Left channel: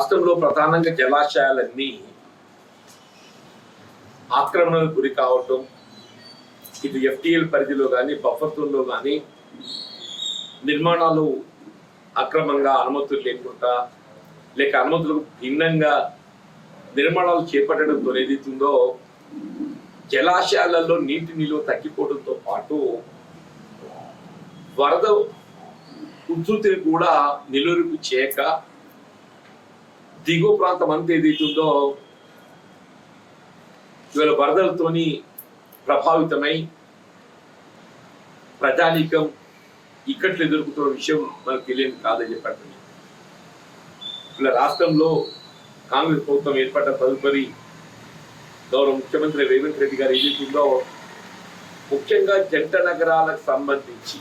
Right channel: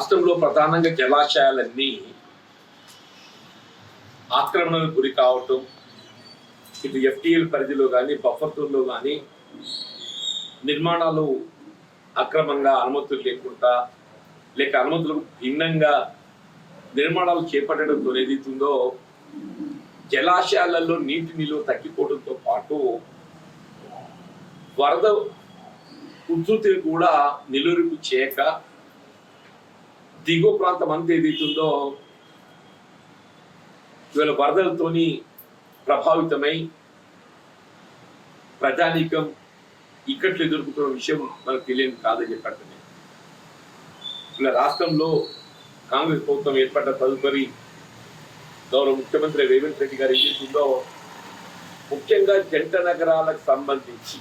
రాష్ట్రంలో ప్రధానంగా జలాశయాలన్నీ ఆక్రమణకు గురి కావటం, ఇటు ఎఫ్టీఎల్ పరిధిలో కానీ బఫర్ జోన్లో కానీ నిర్మాణాలు అక్రమంగా అనుమతులు లేకుండా లేక అనుమతులకు భిన్నంగా నిర్మాణాలు చేపట్టడంతో ఏదైతుందో జలాశయాలలో నీటి నిలువ తగ్గిపోవడంతో పాటు వరద ఉధృతిని కూడా నిలువరింపు చేయక దిగువ ప్రాంతం అంతా ఏదైతుందో ఇవాళ వరదలతోని ప్రభావితమై ప్రజానీకం ఇక్కట్లు ఎదుర్కొంటున్న విషయం మనకు తెలియదు కాదని చెప్పండి. ఇలా రాష్ట్రంలో కాంగ్రెస్ ప్రభుత్వం ఏర్పడ్డ తదుపరి గౌరవ ముఖ్యమంత్రి రేవంత్ రెడ్డి గారు ఏదైతుందో ముఖ్యంగా జంట నగరాలకు సంబంధించి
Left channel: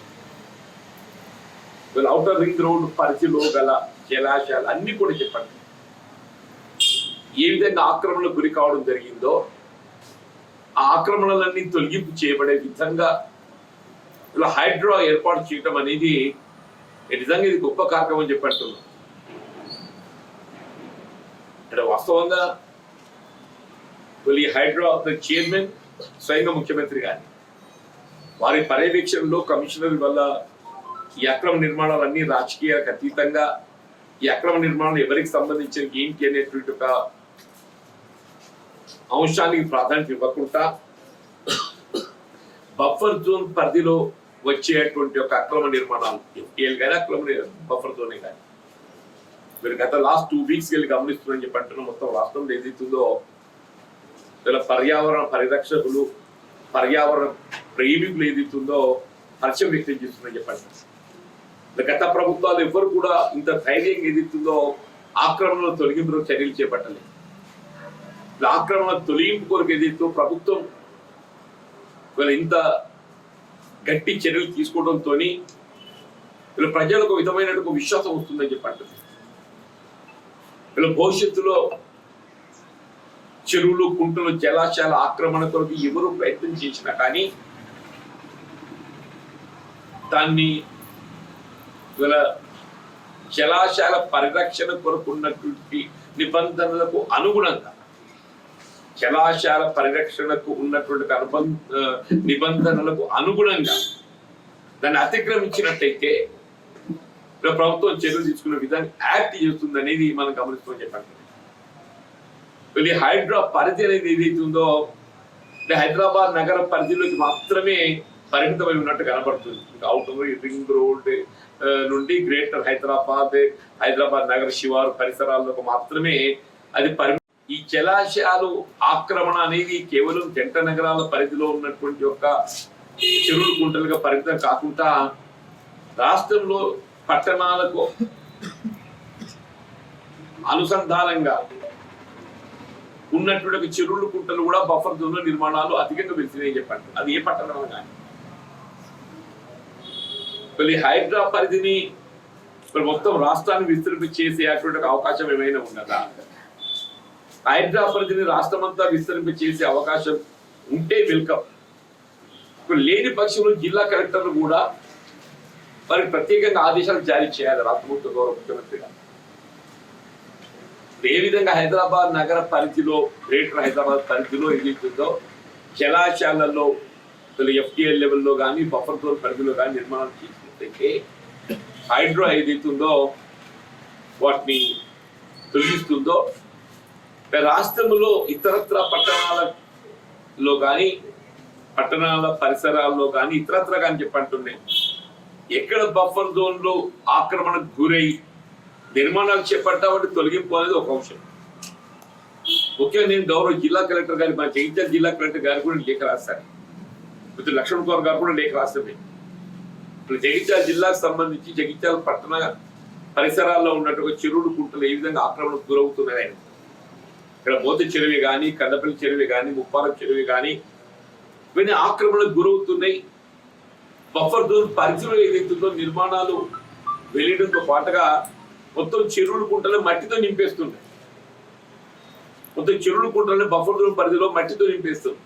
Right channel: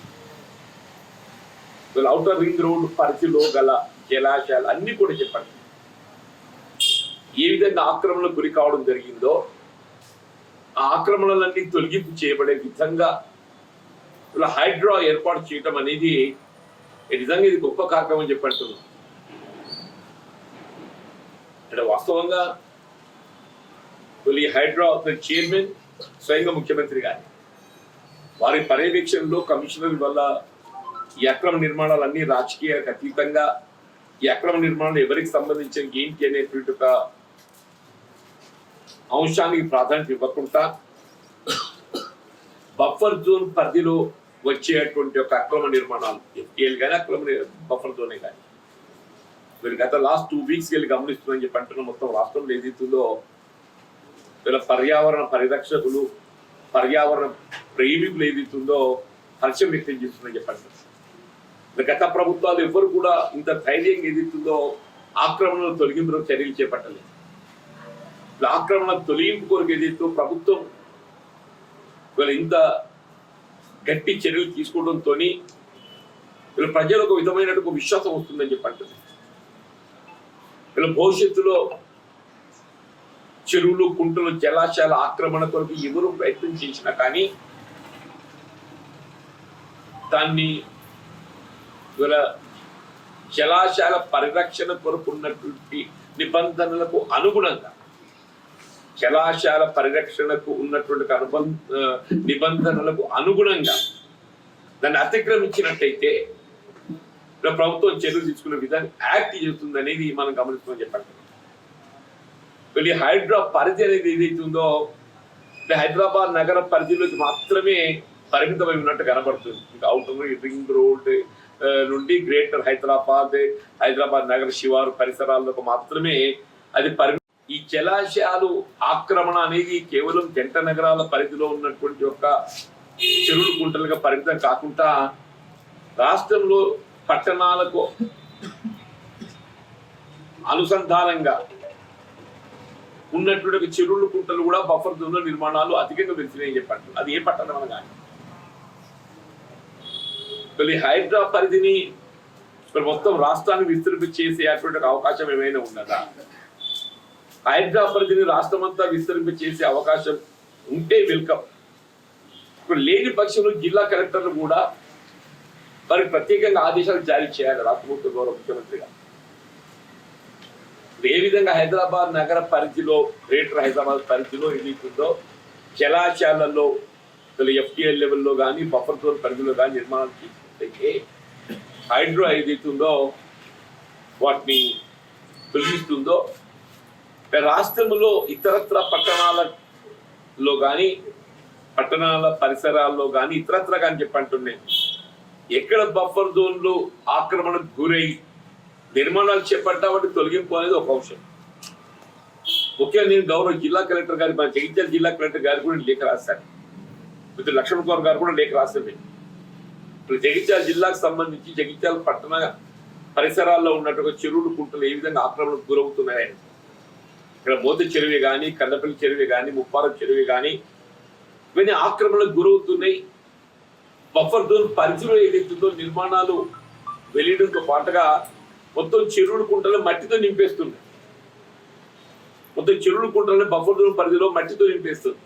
వీళ్ళ ఔటర్ రింగ్ రోడ్ పరిధిలో గల జలాశయాలు అన్ని కూడా చెప్పండి ఏ విధంగా ఆక్రమణకు గురి కావడం జరిగిందో ఆ ఆక్రమణలన్నీ తొలగింపు చేయబడే విధంగా ఇలా హైడ్రా ఏర్పాటు చేయటం అనేది నిజంగా ఇది గొప్ప కార్యక్రమం అని చెప్పంటున్నాం. ఇక్కడ వాస్తవంగా ఈ హైడ్రా చైర్మన్ స్వయంగా ముఖ్యమంత్రి గారి వారి పర్యవేక్షణలో కమిషనర్ వల్ల ఈ అక్రమ నిర్మాణాలన్నీ రాజకీయాలకు అతీతంగా ఈ అక్రమ నిర్మాణాలు ఎవరికి సంబంధించిన ఏంటి అనేటువంటి ఒక అంశానికి ప్రాధాన్యత ఇవ్వకుండా బఫర్ జోన్ పరిధిలో వచ్చేటువంటి ఒక అక్రమ నిర్మాణాలు ఎఫ్టీఎల్ కానీ అక్రమ బఫర్ జోనే కానీ మీరు గత లాస్ట్ 2 వీక్స్ వెళ్ళి గమనిస్తుందని చెప్పి అంటున్నాం. మొత్తం రాష్ట్రంలో ఏదైతుందో ఇలా పర్యావరణ పరిరక్షకులు పర్యావరణ ప్రేమికులు ఏదైతుందో హర్షం వ్యక్తం చేస్తుందని చెప్పండి. గత ప్రభుత్వాలు ఎవరు కూడా ఇంత ధైర్యంగా ఏదైతుందో ఆక్రమణలు తొలగింపు చర్యలు చేపట్టలేదు. ఆక్రమణ తొలగింపు కొరకు ఏదైతే ప్రభుత్వం వీళ్ళ ఇంత గట్టి చర్యలు తీసుకోవడంతో వీళ్ళ ప్రజలకు విధమైన విశ్వాసం వస్తుందని చెప్పంటుంది. వీళ్ళ భవిష్యత్తులో చెరువులు కుంటలు జలాశయాల ఆక్రమణ కొరకు ఎవరు ప్రయత్నం చేసినా కానీ దాన్ని వీళ్ళ జలాశయాల పరిరక్షణ కొరకు ఉన్నటువంటి నిబంధనలకు అనుగుణంగా జలాశయాల పరిరక్షణకు ఉన్నటువంటి నిబంధనలకు అనుగుణంగా దాన్ని అతిక్రమించినట్టయితే ప్రభుత్వం చర్యలు తీసుకునే విధానం యాక్ట్ చేస్తుంది అనేది మనం గమనిస్తామని చెప్పండి. వీళ్ళ హైడ్రా పరిధి అనేది ఏదైతే ఉందో హైదరాబాద్ నగర పరిధిలోకి మాత్రమే పరిమితమై ఉన్నట్టు కనబడుతుంది. అవుటర్ రింగ్ రోడ్ నుండి గ్రేటర్ హైదరాబాద్ నగర శివారు పరిసరాల్లోకి మాత్రమే అది ఈ జలాశయాలు ఆక్రమణ అనేది కేవలం జంట నగరాల పరిధిలో ఉన్నటువంటి ఒక చెరువులు కుంటలుగా పరిమితం కాకుండా రాష్ట్రంలో పట్టణాలకు అనుసంధానంగా ఉన్నటువంటి చెరువులు కుంటలు కూడా బఫర్ జోన్లో నిర్మాణాలు అధికంగా పెరిగినాయని చెప్పండి. అది ఏ పట్టణం అని కానీ మళ్ళీ హైడ్రా పరిధిని మొత్తం రాష్ట్రాన్ని విస్తరింప చేసేటువంటి అవకాశం ఏమైనా ఉన్నదా? హైడ్రా పరిధిని రాష్ట్రం అంతా విస్తరింప చేసే అవకాశం ఉంటే వెల్కమ్. ఇప్పుడు లేని పక్షంలో జిల్లా కలెక్టర్లు కూడా వారికి ప్రత్యేకంగా ఆదేశాలు జారీ చేయాలి రాష్ట్ర ప్రభుత్వ గౌరవ ముఖ్యమంత్రి గారు. ఏ విధంగా హైదరాబాద్ నగర పరిధిలో గ్రేటర్ హైదరాబాద్ పరిధిలో ఏదైతుందో జలాశయాలలో ఎఫ్టీఎల్ లెవెల్లో కానీ బఫర్ జోన్ పరిధిలో కానీ నిర్మాణాలు చేసినట్లయితే హైడ్రో ఏదైతుందో వాటిని తొలగిస్తుందో రాష్ట్రంలో ఇతరత్ర పట్టణాలలో కానీ పట్టణాల పరిసరాల్లో కానీ ఇతరత్ర కానీ చెప్పంటున్నాయి ఎక్కడ బఫర్ జోన్లో ఆక్రమణకు గురై నిర్మాణాలు చేపట్టామంటే తొలగింపు అనేది ఒక అంశం. ముఖ్యంగా నేను గౌరవ జిల్లా కలెక్టర్ గారి మన జగిత్యాల జిల్లా కలెక్టర్ గారు కూడా లేఖ రాశారు. మిత్రులు లక్ష్మణ్ కుమార్ గారు కూడా లేఖ రాస్తారు. ఇప్పుడు జగిత్యాల జిల్లాకు సంబంధించి జగిత్యాల పట్టణ పరిసరాల్లో ఉన్నటువంటి చెరువులు కుంటలు ఏ విధంగా ఆక్రమణకు గురవుతున్నాయని ఇక్కడ మోతి చెరువు కానీ కందపల్లి చెరువు కానీ ముప్పారం చెరువు కానీ ఇవన్నీ ఆక్రమణకు గురవుతున్నాయి. బఫర్ జోన్ పరిధిలో ఏదైతుందో నిర్మాణాలు వెలియడంతో పాటుగా మొత్తం చెరువులు కుంటలు మట్టితో నింపేస్తున్నాయి. మొత్తం చెరువులు కుంటలని బఫర్ జోన్ పరిధిలో మట్టితో నింపేస్తుంది.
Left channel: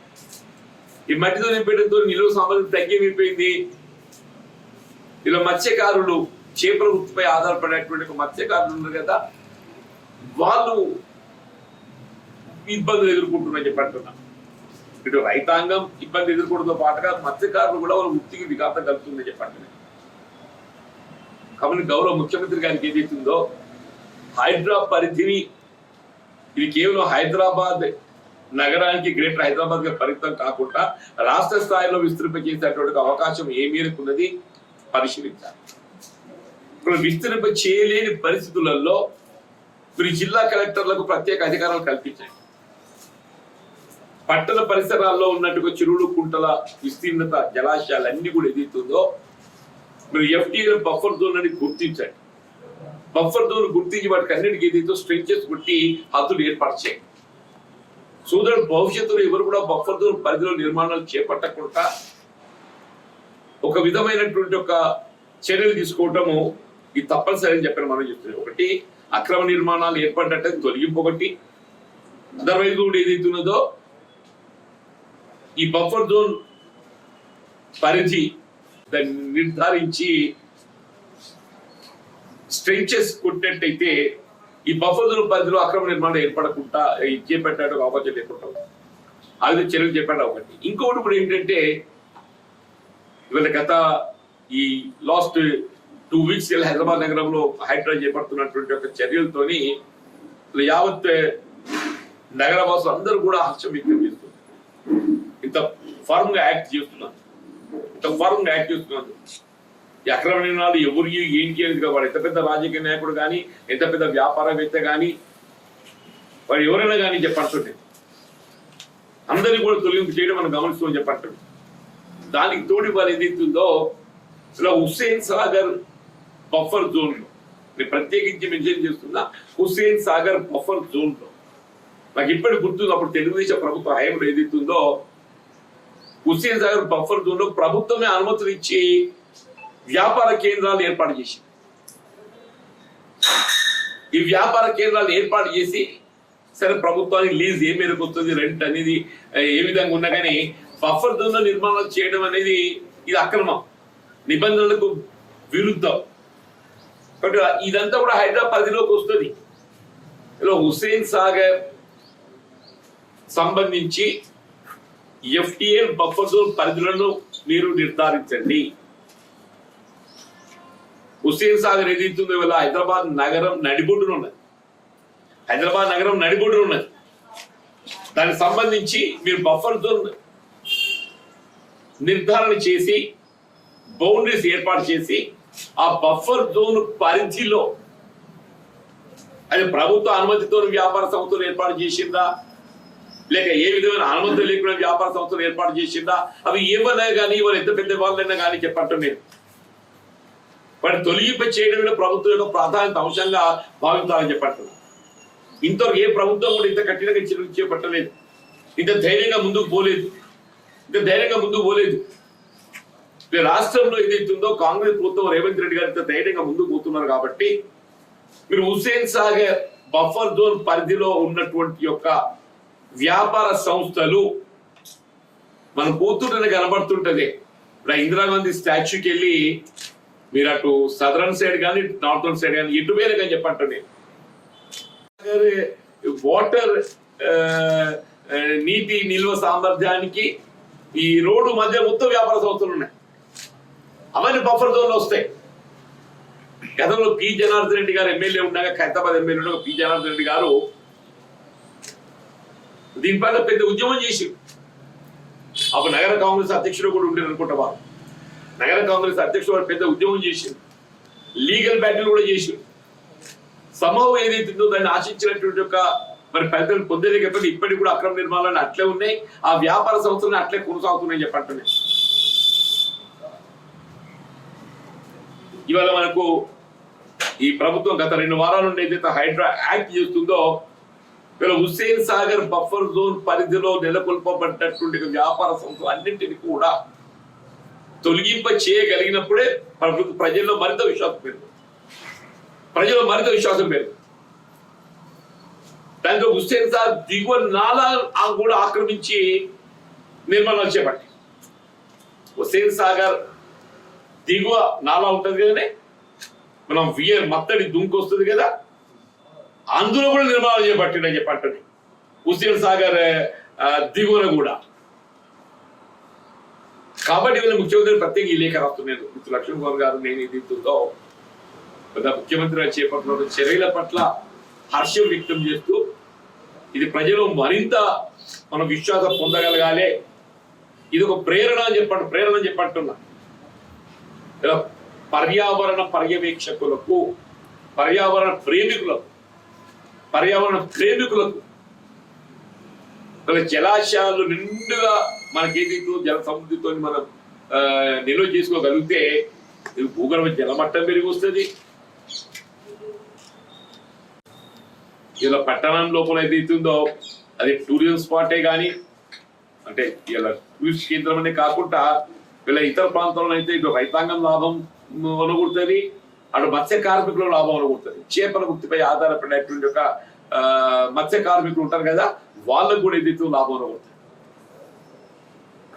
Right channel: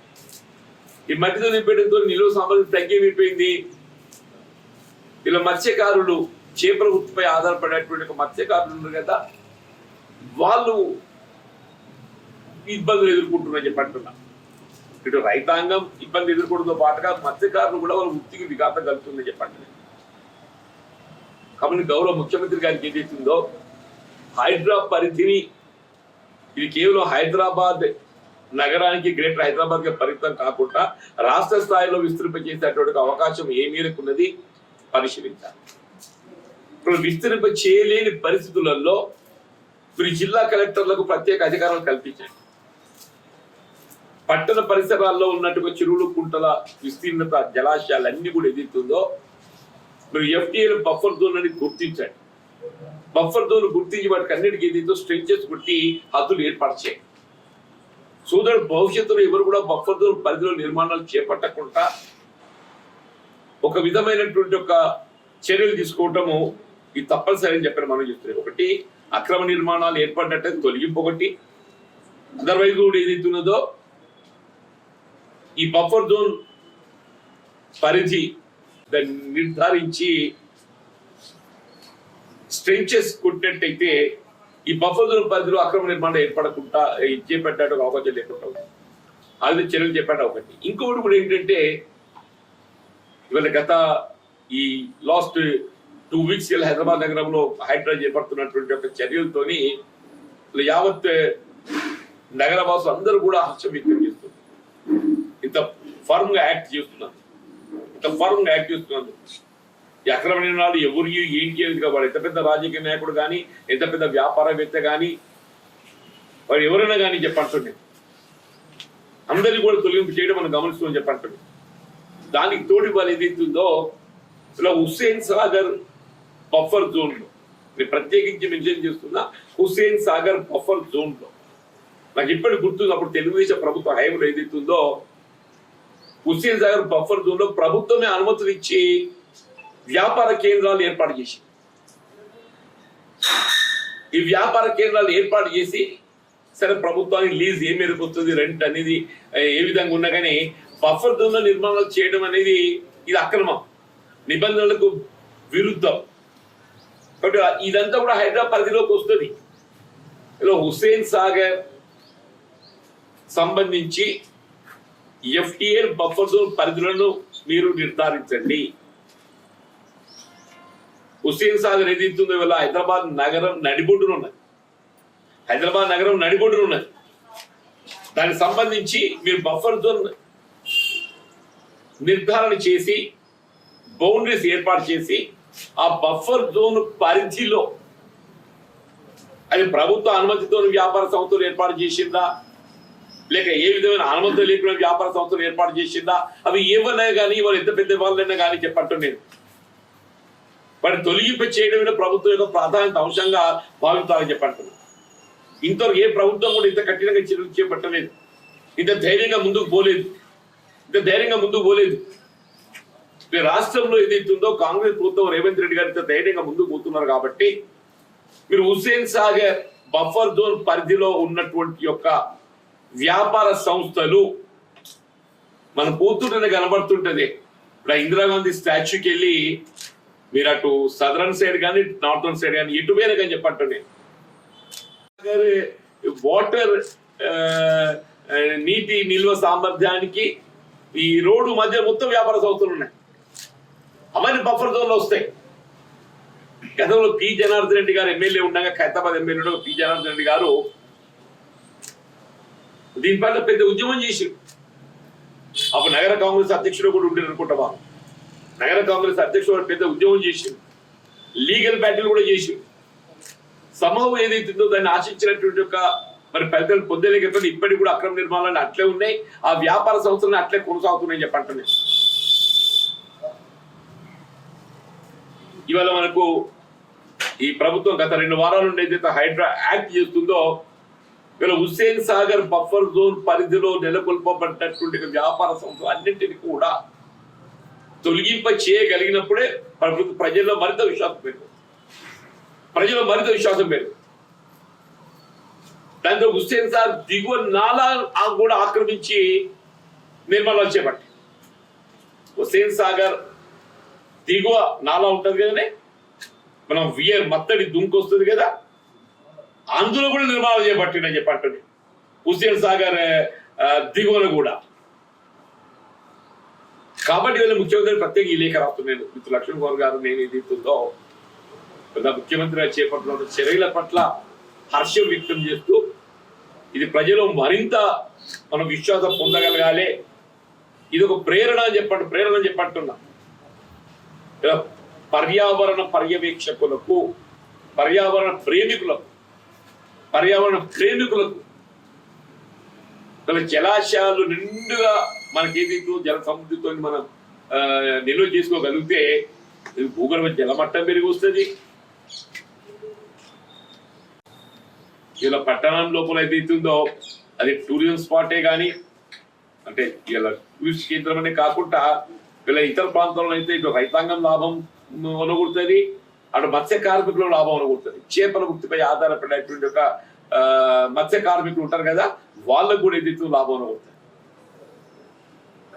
ఈ మట్టితో నింపేయడంతో నిలువ సామర్థ్యం తగ్గిపోయింది. ఇలా మత్స్యకారులు చేపల వృత్తిపై ఆధారపడేటువంటి ఒక మత్స్యకారులు ఉన్నారు కదా, వాళ్ళు ఇబ్బందులు ఎదుర్కొంటున్నారని చెప్పి అంటున్నారు. ఇటు రైతాంగం ఇబ్బంది ఎదుర్కోవడంతో పాటుగా మత్స్యకారులు కూడా వాళ్ళ వృత్తికి విఘాతం కలుగుతుందని చెప్పండి. కాబట్టి గౌరవ ముఖ్యమంత్రి గారికి ఏదైతుందో హైదరాబాద్ పరిధిని ఇది కేవలం హైదరాబాద్ నగరానికి గ్రేటర్ హైదరాబాద్ కి పరిమితం కాకుండా రాష్ట్ర స్థాయిలో విస్తరింపజేసేటువంటి అవకాశం ఏ మేరకు ఉన్నది పరిశీలించాలి. ఇప్పుడు విస్తరింప చేయలేని పరిస్థితులలో మీరు జిల్లా కలెక్టర్లకు ప్రత్యేక అధికారాలు కల్పించండి. పట్టణ పరిసరాల్లో ఉన్నట్టుగా చెరువులు కుంటల విస్తీర్ణత జలాశయాలన్నీ కూడా ఏదైతుందో మీరు ఎఫ్టీఏలో బఫర్ జోన్ అని గుర్తించండి. బఫర్ జోన్ గుర్తించి వాటికి అన్నిటికీ ఏదైతే స్ట్రెంచెస్ కొట్టి హద్దులు ఏర్పాటు చేయండి. సోదరుడు భవిష్యత్తులో ఎవరు కూడా బఫర్ జోన్ పరిధిలో నిర్మాణాలు చేపట్టకుండా ఒక విధమైనటువంటి ఒక చర్యలు తీసుకోవటము ఇది తప్పనిసరి అని చెప్పిన మనం చూస్తున్నాం. ఒకటి అక్రమ నిర్మాణాలు ఏర్పడినట్టు తొలగింపు, ఒకటి అదర్వైజ్ కూడా ఏదైతే ఉన్నదో ఈ బఫర్ జోన్ పరిధి దాన్ని నిర్ధారించి స్ట్రెంచెస్ కొట్టినట్టయితే ఈ బఫర్ జోన్ పరిధిలో అక్రమ నిర్మాణం ఏర్పడకుండా చేపట్టే అవకాశం లేకుండా అది చర్యలు చెప్పండి. ఒకటి ఇంకొకటి కూడా ఏంటంటే ఇవాళ గత ఈ లాస్ట్ 2 weeks హైదరాబాద్ నగరంలో హైడ్రా చేపడుతున్నటువంటి ఒక చర్యలతోని యావత్ నగరవాసులు అందరూ కూడా హర్షం వ్యక్తం చేస్తున్నారు. ఇంత ఫర్మ్ గా యాక్ట్ చేస్తున్నారు. ఈ అక్రమ నిర్ణయాలు ఎవరు ఏంటి అనేది కాబట్టి ఎంత పెద్ద రాజకీయ నాయకుడు కానీ ఎంత పెద్ద వ్యాపారవేత్త కానీ వాడు ఎవరైనా కానీ చెప్పంటుండే అందరినీ కూడా తొలగింపు చేయడం మనం గమనిస్తామని చెప్పంటుంది. దానికి తోడి వాళ్ళు ఏదైతుందో ఇలా హుస్సేన్ సాగర్ బఫర్ జోన్ లో నేను ప్రత్యేకించి మెన్షన్ చేస్తున్నా. హుస్సేన్ సాగర్ బఫర్ జోన్ లో నాకు ఇప్పటికి గుర్తుంది, అప్పుడు తెలుగుదేశం ప్రభుత్వ హయాంలో ఏదైతుందో హుస్సేన్ సాగర్ బఫర్ జోన్ లో ప్రభుత్వమే అనుమతులు ఇచ్చి వ్యాపార కేంద్రాలు ఏర్పాటు చేసి ఈ వ్యాపార కేంద్రాలు ఏర్పాటు చేసి సరే ప్రభుత్వానికి లీజ్ ఏ మేరకు వస్తుంది, రెంట్ అనేది ఏ విధంగా ఉన్నా కానీ బఫర్ జోన్ నిర్మాణాలు చేయడం అనేది ఇది అక్రమం, నిబంధనలకు విరుద్ధం. కాబట్టి ఇదంతా కూడా హైదరాబాద్ పరిధిలోకి వస్తుంది. ఇలా హుస్సేన్ సాగర్ సంబంధించి ఎఫ్టీఏ బఫర్ జోన్ పరిధులను మీరు నిర్ధారించండి. హుస్సేన్ సాగర్ ఏదైతుందో ఇవాళ హైదరాబాద్ నగరం నడిబొడ్డున ఉన్నది. దానికి సంబంధించి మీరు బఫర్ జోన్ నిర్ధారణ చేసి బౌండరీస్ ఏర్పాటు చేసి ఆ బఫర్ జోన్ పరిధిలో అది ప్రభుత్వ అనుమతితో వ్యాపార సంస్థలు ఏర్పాటు చేసిందా లేక ఏ విధమైన అనుమతి లేకుండా వ్యాపార సంస్థలు ఏర్పాటు చేసిందా అవి ఏమన్నా కానీ వాళ్ళు ఎంత పెద్ద వాళ్ళైనా కానీ చెప్పంటున్నారు. వాటిని తొలగింప చేయడమే ప్రభుత్వం యొక్క ప్రాధాన్యత అంశంగా భావించాలని చెప్పంటున్నారు. ఇంతవరకు ఏ ప్రభుత్వం కూడా ఇంత కఠినంగా చర్యలు చేపట్టలేదు, ఇంత ధైర్యంగా ముందుకు పోలేదు. రాష్ట్రంలో ఏదైతుందో కాంగ్రెస్ ప్రభుత్వం రేవంత్ రెడ్డి గారు ఇంత ధైర్యంగా ముందుకు పోతున్నారు. కాబట్టి మీరు హుస్సేన్ సాగర్ బఫర్ జోన్ పరిధిలో ఉన్నటువంటి యొక్క వ్యాపార సంస్థలు మనం పోతుంటేనే కనబడుతుంటది. ఇప్పుడు ఇందిరాగాంధీ స్టాచ్యూకి వెళ్ళి మీరు అటు సదరన్ సైడ్ కానీ నార్థన్ సైడ్ కానీ ఎటు వేరే కానీ చెప్పండి వాటర్ నీటి నిల్వ సామర్థ్యానికి ఈ రోడ్డు మధ్య మొత్తం వ్యాపార సంస్థలు ఉన్నాయి. అవన్నీ బఫర్ జోన్ లో వస్తాయి. గతంలో పి జనార్దన్ రెడ్డి గారు ఎమ్మెల్యే ఉండగా ఖైరతాబాద్ ఎమ్మెల్యే ఉండగా పి జనార్దన్ రెడ్డి గారు దీనిపైన పెద్ద ఉద్యమం చేసి అప్పుడు నగర కాంగ్రెస్ అధ్యక్షుడు కూడా ఉండేది అనుకుంటా. వారు నగర కాంగ్రెస్ అధ్యక్షుడు పెద్ద ఉద్యమం చేసి లీగల్ బ్యాటిల్ కూడా చేసి సమూహం ఏదైతుందో దాన్ని ఆశించినటువంటి ఒక మరి పెద్దలు పొందలేకపోతే ఇప్పటికి కూడా అక్రమ నిర్మాణాలు అట్లే ఉన్నాయి. ఆ వ్యాపార సంస్థలను అట్లే కొనసాగుతున్నాయని చెప్పంటున్నాయి. ఇవాళ మనకు ఈ ప్రభుత్వం గత 2 వారాల నుండి ఏదైతే హైడ్రా యాక్ట్ చేస్తుందో ఇవాళ హుస్సేన్ సాగర్ బఫర్ జోన్ పరిధిలో నెలకొల్పబడినటువంటి వ్యాపార సంస్థలు అన్నింటినీ కూడా తొలగింప చేయగలిగినప్పుడే ప్రజల్లో మరింత విశ్వాసం పెరుగుతుంది. దాంతో హుస్సేన్ సాగర్ దిగువ నాలా కూడా ఆక్రమించి నిర్మాణాలు చేపట్టి హుస్సేన్ సాగర్ దిగువ నాలా ఉంటుంది కదనే మనం వియర్ మత్తడి దుంకు వస్తుంది కదా, అందులో కూడా నిర్మాణం చేపట్టిండని చెప్పంటుంది. హుస్సేన్ సాగర్ దిగువన కూడా. కాబట్టి వీళ్ళ ముఖ్యమంత్రి ప్రత్యేక ఈ లేఖ రాస్తున్నాను. మిత్రులు లక్ష్మణ్ కుమార్ గారు నేను ఏదైతుందో ముఖ్యమంత్రిగా చేపట్టిన చర్యల పట్ల హర్షం వ్యక్తం చేస్తూ ఇది ప్రజలు మరింత మనం విశ్వాసం పొందగలగాలి. ఇది ఒక ప్రేరణ అని చెప్పంటున్నా. ఇలా పర్యావరణ పర్యవేక్షకులకు, పర్యావరణ ప్రేమికులకు జలాశయాలు నిండుగా మనకేదైతే జల సమృద్ధితో మనం నిల్వ చేసుకోగలిగితే భూగర్భ జలమట్టం పెరిగి వస్తుంది. ఇలా పట్టణం లోపల ఏదైతుందో అది టూరిజం స్పాటే కానీ, అంటే ఇలా టూరిస్ట్ కేంద్రం అనే కాకుండా వీళ్ళ ఇతర ప్రాంతాల్లో అయితే ఇటు రైతాంగం లాభం అనుకుంటుంది, అటు మత్స్య కార్మికుల లాభం అనుకుంటుంది. చేపల వృత్తిపై ఆధారపడేటువంటి ఒక మత్స్య కార్మికులు ఉంటారు కదా, వాళ్ళకు కూడా ఏదైతే లాభం అనుకుంటుంది.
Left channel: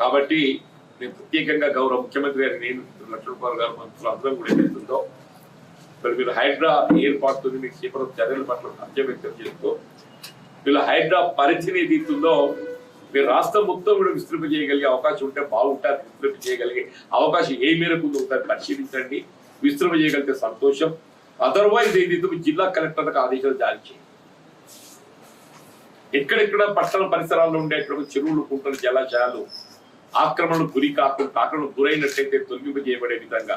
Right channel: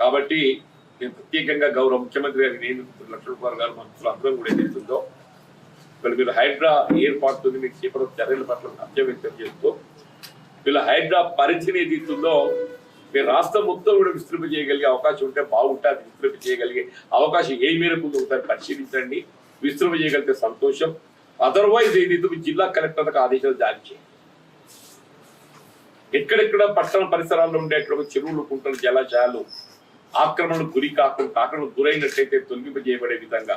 కాబట్టి నేను ప్రత్యేకంగా గౌరవ ముఖ్యమంత్రి గారికి, నేను లక్ష్మణ్ కుమార్ గారు, మంత్రులు అందరం కూడా ఏదైతుందో మీరు హైడ్రా ఏర్పాటుతో మీకు చేపల చర్యల పట్ల హర్షం వ్యక్తం చేస్తూ వీళ్ళ హైడ్రా పరిధిని ఏదైతుందో మీరు రాష్ట్రం మొత్తం కూడా విస్తృంప చేయగలిగే అవకాశం ఉంటే బాగుంటుంది. విస్తృంప చేయగలిగే అవకాశం ఏ మేరకు ఉందో ఒకసారి పరిశీలించండి. విస్తృంప చేయగలిగితే సంతోషం. అదర్వైజ్ ఏదైతే జిల్లా కలెక్టర్లకు ఆదేశాలు జారీ చేయండి. ఎక్కడెక్కడ పట్టణ పరిసరాల్లో ఉండేటువంటి చెరువులు, కుంటలు, జలాశయాలు ఆక్రమణకు గురైనట్లయితే తొలగింపజేయబడే విధంగా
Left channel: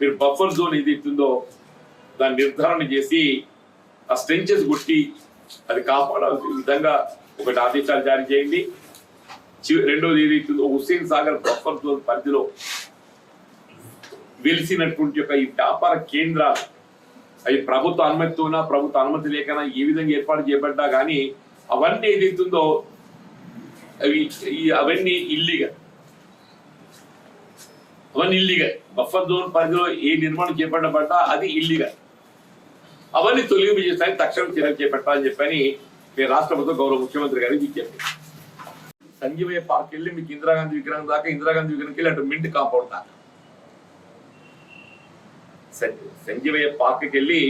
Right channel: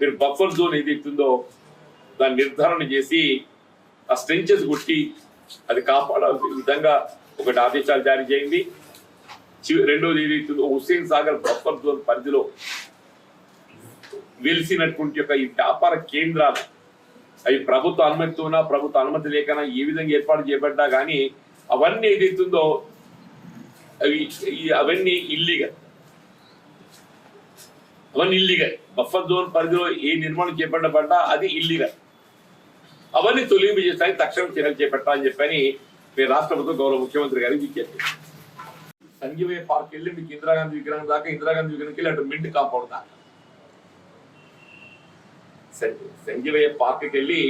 మీరు బఫర్ జోన్ ఏదైతుందో దాన్ని నిర్ధారణ చేసి ఆ స్ట్రెంచెస్ కొట్టి అది కాపాడాల్సిన విధంగా ఒకటి ఆదేశాలు జారీ చేయండి. రెండోది ఏదైతుందో హుస్సేన్ సాగర్ బఫర్ జోన్ పరిధిలో వెలిసినటువంటి యొక్క ఈ వ్యాపార కేంద్రాలు అవి ప్రభుత్వ అనుమతితోనా ప్రభుత్వ అనుమతి లేకనా ఏ విధంగా ఏర్పాటు చేయబడ్డా కానీ అవన్నీ ఏదైతుందో అవన్నీ ఇల్లీగల్. బఫర్ జోన్ పరిధిలో ఏ నిర్మాణం చేపట్టబడ్డా అది ఇల్లీగల్. అవన్నీ తొలగింపు చేస్తానికి తక్షణం చర్యలు చేపట్టాలని చెప్పని మీరు రాష్ట్ర ప్రభుత్వం గౌరవ ముఖ్యమంత్రి గారికి విజ్ఞప్తి. సంజీవయ్య పార్క్ వెళ్ళి మీకు ఇందిరాగాంధీ విగ్రహం దాకా, ఇందిరాగాంధీ విగ్రహంకి వెళ్ళి అటు మింట్ కాంపౌండ్ దాకా, సంజీవయ్య పార్క్కి వెళ్ళి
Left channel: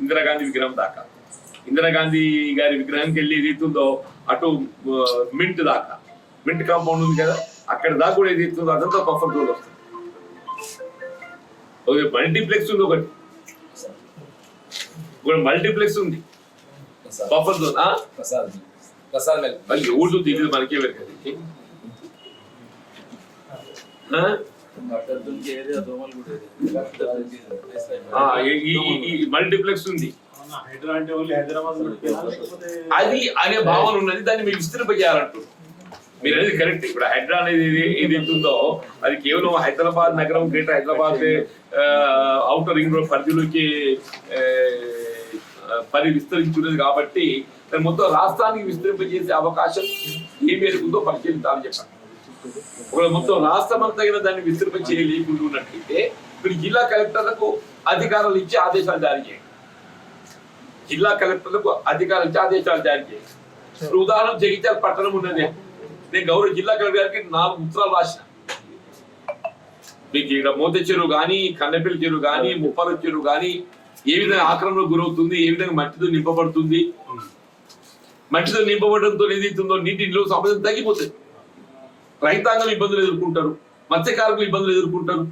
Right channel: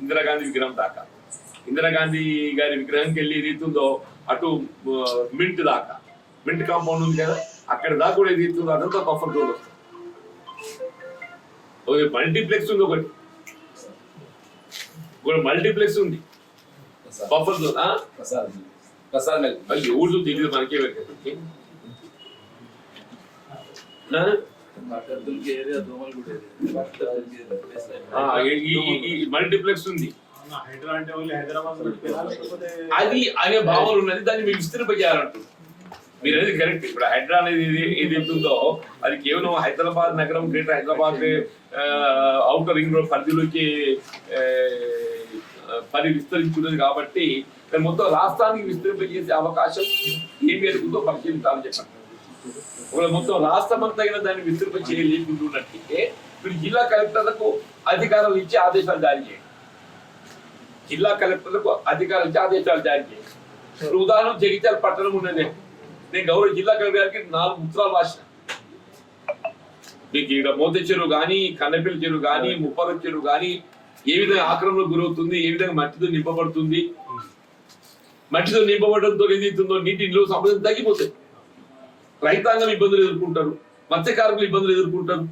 ఇందిరాగాంధీ విగ్రహం దాకా, ఇందిరాగాంధీ గారి విగ్రహానికి వెళ్ళి ఏదైతుందో అటు మింట్ దాకా, మింట్ కాంపౌండ్ ఉంది కదా అక్కడ దాకా కూడా ఏదైతుందో అదంతా బఫర్ జోన్ వస్తుంది. మల్టీప్లెక్స్ ఉంది, ఒకటి మల్టీప్లెక్స్ ఉంది బఫర్ జోన్. ఎవరు తెలియదు మనకే మల్టీప్లెక్స్ ఉంది. అది అనే భావన ఉన్నది, దాన్ని మీరు విస్తరింపజేయాలంటున్నారు. మీరు అనేది కరెక్ట్. ఇప్పుడు హైడ్రా అనేది ఏదైతుందో అది కేవలం హైదరాబాద్ నగరం, greater Hyderabad outer ring road పరిధిలోకి విస్తరించున్నది కాబట్టి మొత్తం రాష్ట్రానికి విస్తరింపజేసే అవకాశం ఏ మేరకు ఉందో పరిశీలించాలని చెప్పండి. ఒకవేళ మొత్తం రాష్ట్రం అంతా దాన్ని విస్తరింప చేయలేకుంటున్నట్లయితే మీరు జిల్లా కలెక్టర్లకు అధికారాలు ఇచ్చి ఆదేశాలు జారీ చేయండి. జిల్లా కలెక్టర్లకు అధికారాలు ఇచ్చి ఆదేశాలు జారీ చేయండి. ఇప్పుడు ఉదాహరణ జగిత్యాల పట్టణం ఉన్నది, నేను గౌరవ జిల్లా కలెక్టర్ గారికి 4 ఉత్తరాలు రాసిన. మీకు ఇక్కడ మోత చెరువు కానీ, కన్నెపల్లి చెరువు కానీ, ముప్పాల చెరువు కానీ ఏ విధంగా ఆక్రమణకు గురవుతుంది, ఏ విధంగా మట్టితో నింపబడుతుంది, మట్టితో నింపబడడంతో ఏదైతుందో నీటి నిల్వ సామర్థ్యం తగ్గిపోతుంది. రైతాంగం ఇబ్బందులు ఎదుర్కొంటారు, మత్స్యకారులు ఇబ్బందులు ఎదుర్కొంటారు.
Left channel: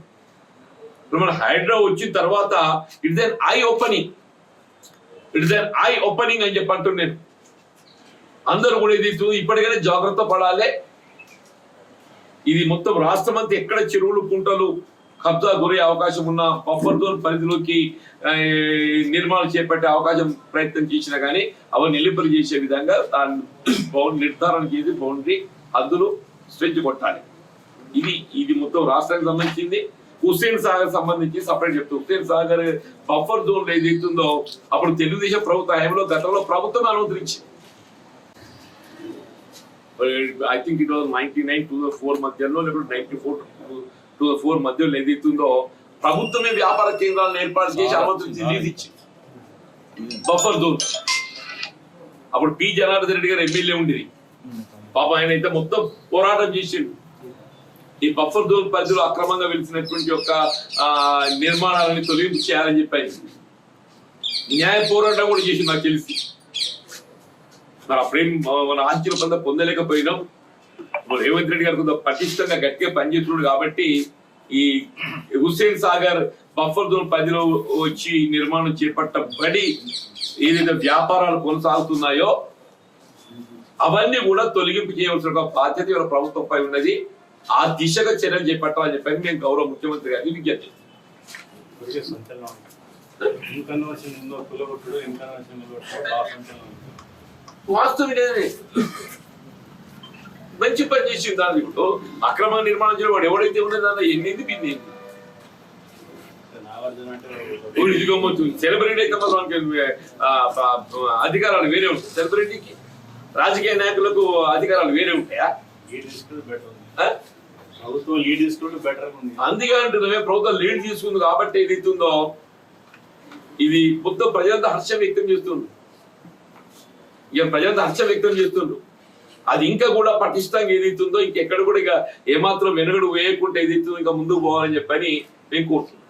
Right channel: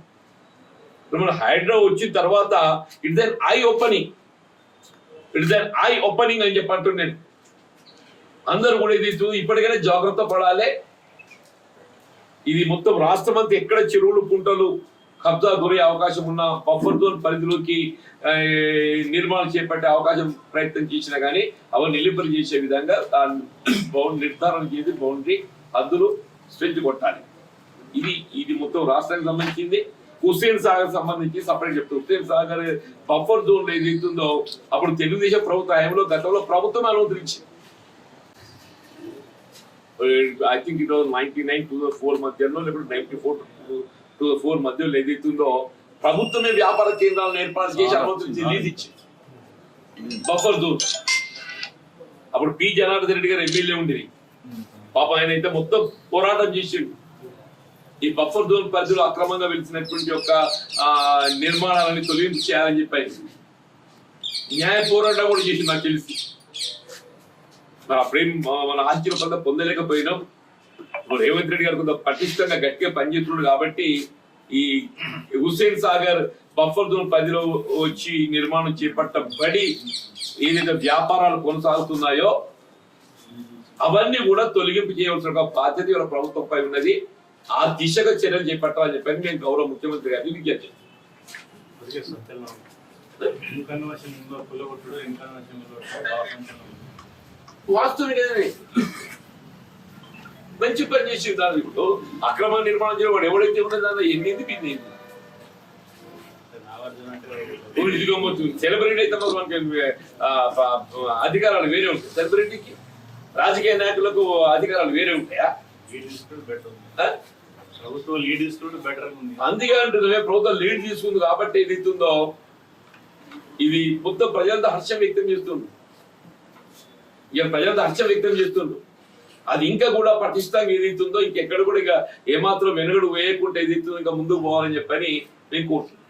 ఇప్పుడు మన హైడ్రా వచ్చిన తర్వాత ఇట్స్ అన్ ఐ ఓపెనింగ్ అని చెప్పంటున్నాను నేను. అందరూ కూడా ఇది ఇప్పటికైనా జాగ్రత్త పడాలి. ఇది మొత్తం రాష్ట్రం అంతా ఎక్కడ చెరువులు, కుంటలు కబ్జా గురే అవకాశం ఉన్న బఫర్ జోన్ పరిధిలోకి నిర్మాణం చేపట్టే అవకాశం ప్రయత్నం చేసినా కానీ అవన్నీ నిలింపలు చేసే విధంగా నిర్ధారణ చేసి బౌండరీ హద్దులు స్ట్రెచ్ కొట్టాలి. ఇది మొత్తం రాష్ట్రానికి సంబంధించింది. హుస్సేన్ సాగర్ సంబంధించి సపరేట్ చెప్తారు. హుస్సేన్ సాగర్ బఫర్ జోన్ ఏదైతుందో అప్పుడు తెలుగుదేశం ప్రభుత్వ హయాంలో గతంలో ప్రభుత్వం అనుమతించింది. I think it was 99-2004 మధ్యలో, లేకపోతే 94-2004 మధ్యలో ఏదైతుందో ప్రభుత్వమే వ్యాపార కేంద్రాలను ఏర్పాటు చేసి అనుమతులు రిలీజ్ ఇచ్చింది బఫర్ జోన్. అప్పుడు పి జనార్దన్ రెడ్డి గారు ఎమ్మెల్యే ఉండేది. పాప ఆయన అయితే మొత్తం పోరాటం చేసిండు. ఈ బఫర్ జోన్ పరిధిలో అక్రమంగా వెలిసినటువంటి యొక్క నిర్మాణాలని తొలగింపు చేయాలని చెప్పారు. న్యాయ పోరాటం కూడా చేసి నాకు తెలిసి మరి అప్పుడేం మన ఆశ్చర్య పొందలేకపోయినాం. ఇప్పుడు రేవంత్ రెడ్డి గారు కొంత పటిష్టంగా గట్టిగా పనిచేస్తున్నాడు కాబట్టి ఈ హుస్సేన్ సాగర్ బఫర్ జోన్ పరిధిలో వచ్చి నిర్మాణం చేపట్టబడి ఏదైతే వ్యాపారాలు కొనసాగుతున్నాయో అవన్నీ కూడా తొలగింపు చేయవలసిన ఒక బాధ్యత ఇవాళ ప్రభుత్వంపై ఉన్నది. ఆ దిశగా చర్యలు చేపట్టాలని చెప్పి నేను గౌరవ ముఖ్యమంత్రి గారికి విజ్ఞప్తి వాస్తవం మంచి పని చేసి దాన్ని ఇప్పుడు అక్రమ నిర్మాణం చేయడం వాడు ఎవడైతే ఉన్నది దానిలో ఎన్నింది బింది సెలబ్రిటీ అయితే అధికారాలు వేరే ఉంటాయి. సెలబ్రిటీకి రాజకీయ నాయకులకు అధికారాలు వేరే ఉంటాయా? ప్రభుత్వం లీడ్ తీసుకుంటే బెటర్ ఉంది. అందుకే అంటున్నామే ప్రభుత్వం లీడ్ తీసుకుంది కాబట్టి ఏదైతుందో ఇది మొత్తం ప్రజలంతా హర్షం వ్యక్తం చేస్తుంది. ఇక ప్రజలంతా హర్షం వ్యక్తం చేస్తుండ్రు. అది ఇంకా కూడా పటిష్టంగా ఏదైతుందో ఇంకెక్కడ కూడా ఇక ఏమాత్రం వెనుగడు వేయకుండా ఏదైతుందో ఇంకా ముందుకు పోవాలని చెప్పని నేను కోరుతున్నాను.